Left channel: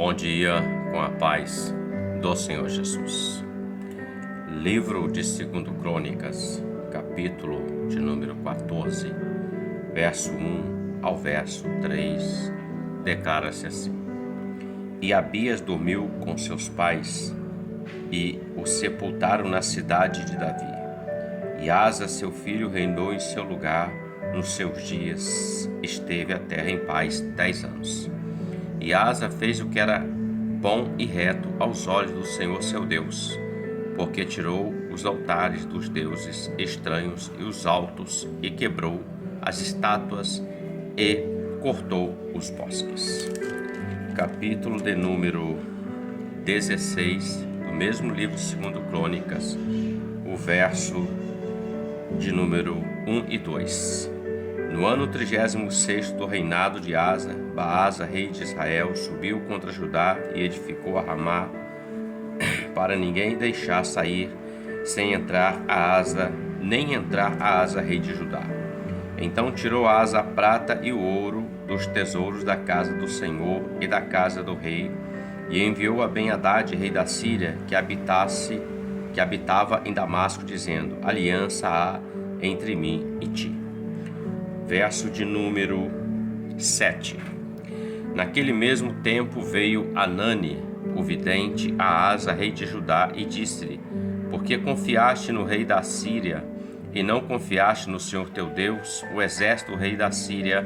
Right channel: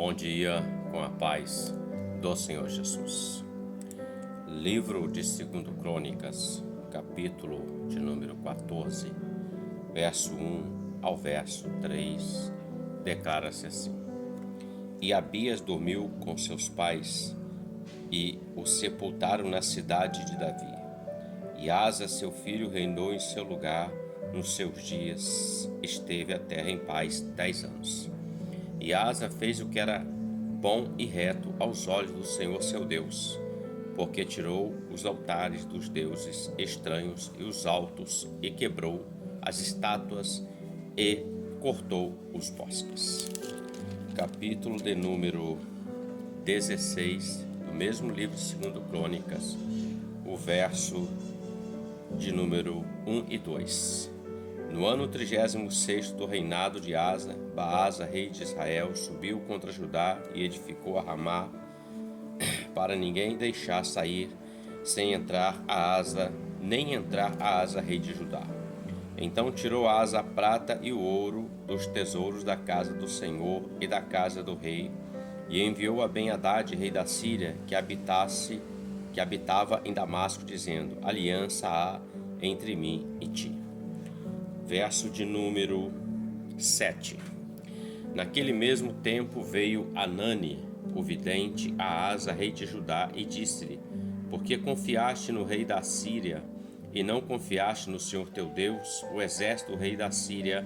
Bom dia, com a paz do Senhor Jesus. Livro de 2 Crônicas, capítulo de número 14, verso 1 ao verso 3, declara-se assim: E Abias dormiu com seus pais e o sepultaram na cidade de Davi. E Asa, seu filho, reinou em seu lugar. Nos seus dias esteve a terra em paz 10 anos. E Asa fez o que era bom e reto aos olhos do Senhor seu Deus, porque tirou os altares dos deuses estranhos e os altos, e quebrou as estátuas e cortou os bosques. Capítulo de número 16 do mesmo livro de 2 Crônicas, o verso de número 1 e 2. No ano 36º do reinado de Asa, Baasa, rei de Israel, subiu contra Judá e edificou a Ramá, para ninguém deixar sair sem entrar a Asa, nem entrar a Asa, rei de Judá. Então tirou Asa a prata e o ouro dos tesouros da casa do Senhor e da casa do rei, e enviou a Ben-Hadad, rei da Síria, que habitava em Damasco, dizendo: Aliança há entre mim e ti. Verso de número 7. Naquele mesmo tempo veio Anani, o vidente, a Asa, rei de Judá, e disse-lhe: Por que confiaste no rei da Síria e não confiaste no Senhor teu Deus? O exército do rei da Síria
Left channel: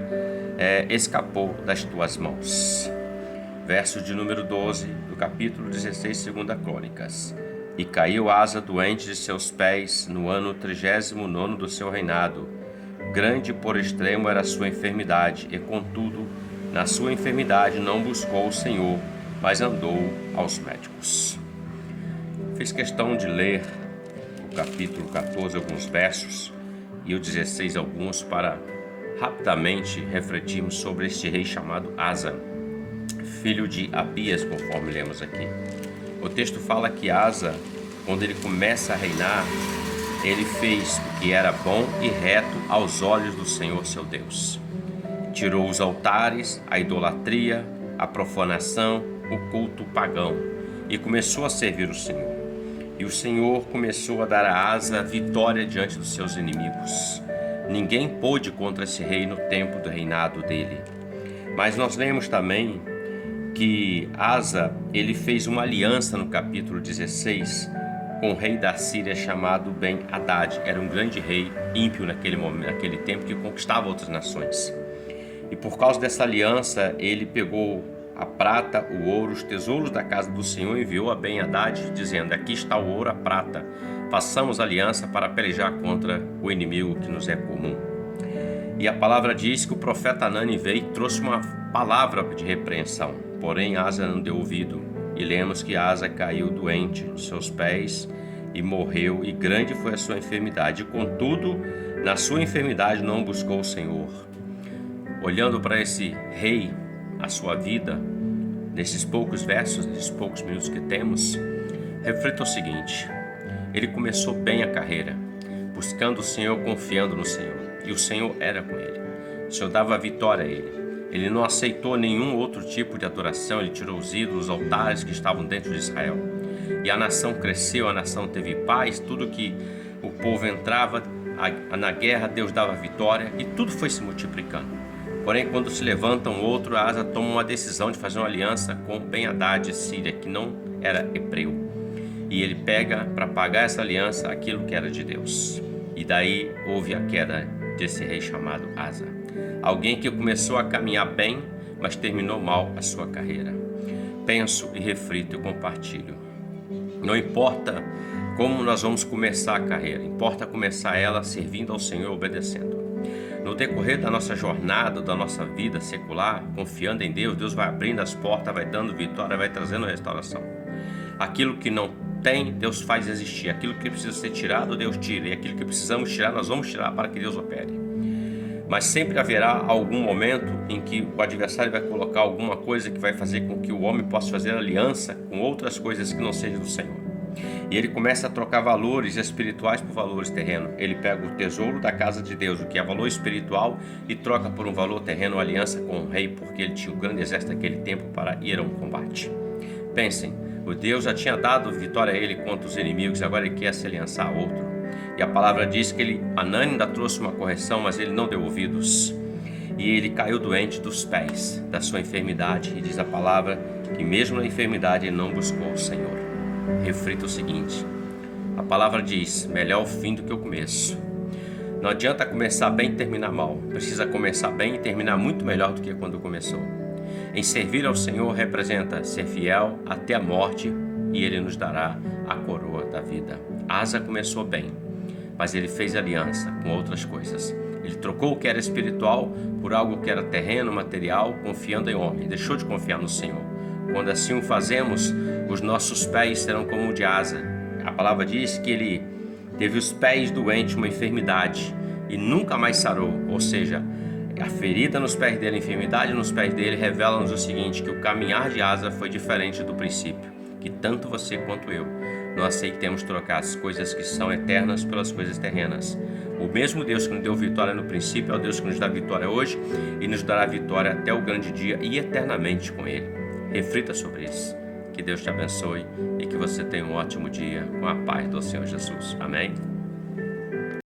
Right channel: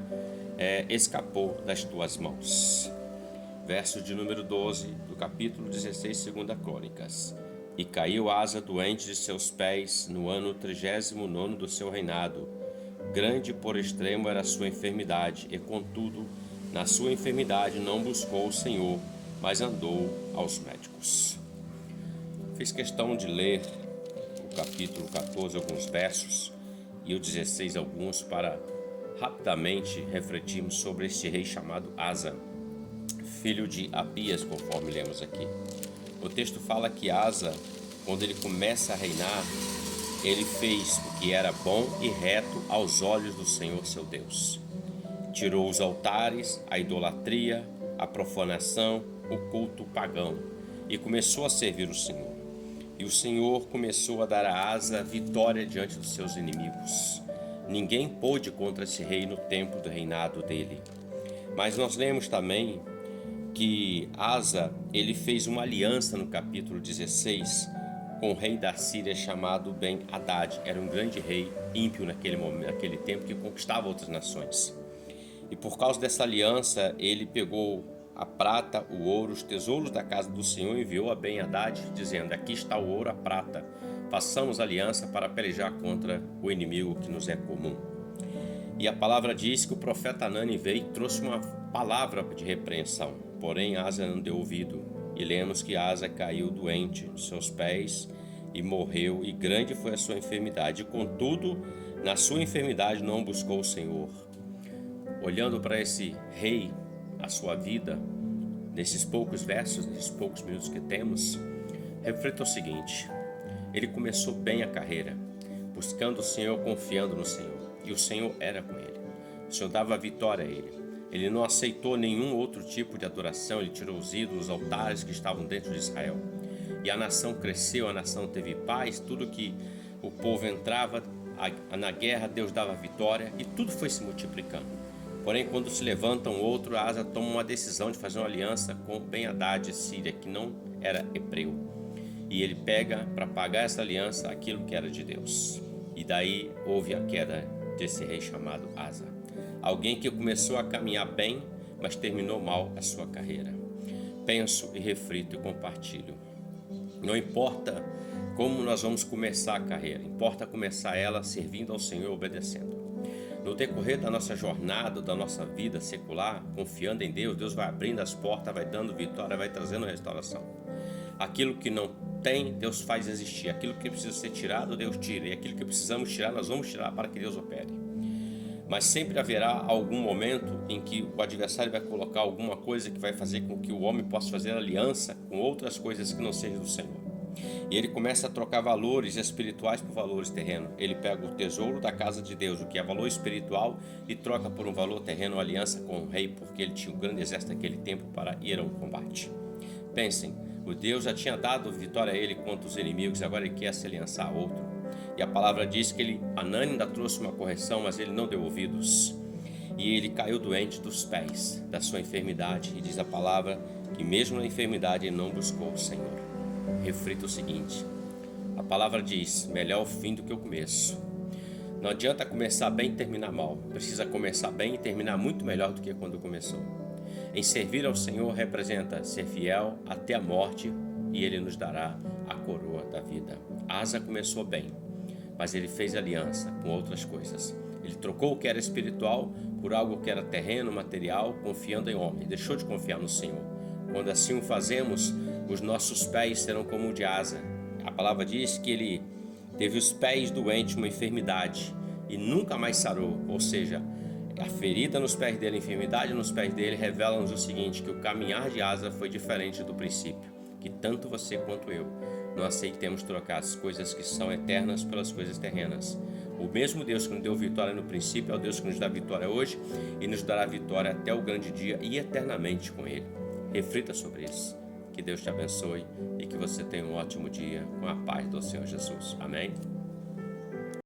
escapou das tuas mãos. Verso de número 12 do capítulo 16, 2 Crônicas. E caiu Asa doente de seus pés no ano 39º do seu reinado. Grande por extremo era a sua enfermidade, e contudo, na sua enfermidade não buscou o Senhor, mas andou aos médicos. Fiz questão de ler o capítulo 14, alguns versos, e o 16, alguns, para rapidamente refletirmos sobre este rei chamado Asa, filho de Abias, conforme lemos aqui. O texto fala que Asa, quando ele começa a reinar, ele fez o que era bom e reto aos olhos do Senhor seu Deus. Tirou os altares, a idolatria, a profanação, o culto pagão, e começou a servir o Senhor. E o Senhor começou a dar a Asa vitória diante dos seus inimigos. Ninguém pôde contra esse rei no tempo do reinado dele. Mas nós lemos também que Asa, ele fez uma aliança no capítulo 16 com o rei da Síria chamado Ben-Hadad. Era um grande rei ímpio naquele tempo, que conquistava outras nações. E por causa dessa aliança, ele pegou a prata, o ouro, os tesouros da casa do Senhor, e enviou a Ben-Hadad, dizendo: Aqui está o ouro, a prata, façamos aliança para pelejar contra o inimigo que nos é comum. E a palavra diz que o profeta Anani veio e trouxe uma palavra de repreensão, porém Asa não deu ouvido. E lemos que Asa caiu doente nos seus pés e morreu, e grande foi a sua enfermidade. Contudo, na sua enfermidade não buscou o Senhor. Olhando para esse rei, a sua vida, nesses poucos versos, nesses poucos minutos que temos, reflita o seguinte: ele começou bem a carreira, buscando o Senhor, confiando no Senhor, e o Senhor era com ele. O Senhor dava vitória a ele. Ele não aceitou nenhum outro tipo de adoração. Ele tirou os ídolos, os altares que estavam dentro de Israel. E a nação cresceu, a nação teve paz. Tudo que o povo entrava na guerra, Deus dava vitória, e tudo foi se multiplicando. Porém, quando se levanta um outro, Asa toma uma decisão de fazer uma aliança com Ben-Hadad de Síria, que não era hebreu. E ele pega para pagar essa aliança aquilo que era de Deus. E daí houve a queda desse rei chamado Asa. Alguém que começou a caminhar bem, mas terminou mal a sua carreira. Penso e reflito e compartilho. Não importa como nós vamos começar a carreira, importa começar ela servindo ao Senhor, obedecendo. No decorrer da nossa jornada, da nossa vida secular, confiando em Deus, Deus vai abrindo as portas, vai dando vitória, vai trazendo restauração. Aquilo que não tem, Deus faz existir. Aquilo que precisa ser tirado, Deus tira. E aquilo que precisamos tirar, nós vamos tirar para que Deus opere. Mas sempre haverá algum momento em que o adversário vai colocar alguma coisa que vai fazer com que o homem possa fazer aliança com outras coisas que não sejam do Senhor. E ele começa a trocar valores espirituais por valores terrenos. Ele pega o tesouro da casa de Deus, o que é valor espiritual, e troca por um valor terreno, aliança com o rei, porque ele tinha um grande exército naquele tempo para ir ao combate. Pensem, o Deus já tinha dado vitória a ele contra os inimigos, agora ele quer se aliançar a outro. E a palavra diz que Hanani ainda trouxe uma correção, mas ele não deu ouvidos. E ele caiu doente dos pés da sua enfermidade. E diz a palavra que mesmo na enfermidade ele não buscou o Senhor. Reflita o seguinte: a palavra diz, melhor o fim do que o começo. Não adianta começar bem e terminar mal. Precisa começar bem e terminar muito melhor do que quando começou. Em servir ao Senhor representa ser fiel até a morte, e Ele nos dará a coroa da vida. Asa começou bem, mas ele fez aliança com outras coisas. Ele trocou o que era espiritual por algo que era terreno, material, confiando em homem. Deixou de confiar no Senhor. Quando assim o fazemos, os nossos pés serão como o de Asa. A palavra diz que ele teve os pés doentes, uma enfermidade, e nunca mais sarou. Ou seja, a ferida nos pés dele, a enfermidade nos pés dele, revela-nos o seguinte, que o caminhar de Asa foi diferente do princípio. Que tanto você quanto eu não aceitemos trocar as coisas que são eternas pelas coisas terrenas. O mesmo Deus que nos deu vitória no princípio é o Deus que nos dá vitória hoje e nos dará vitória até o grande dia e eternamente com Ele. Reflita sobre isso. Que Deus te abençoe e que você tenha um ótimo dia com a paz do Senhor Jesus. Amém?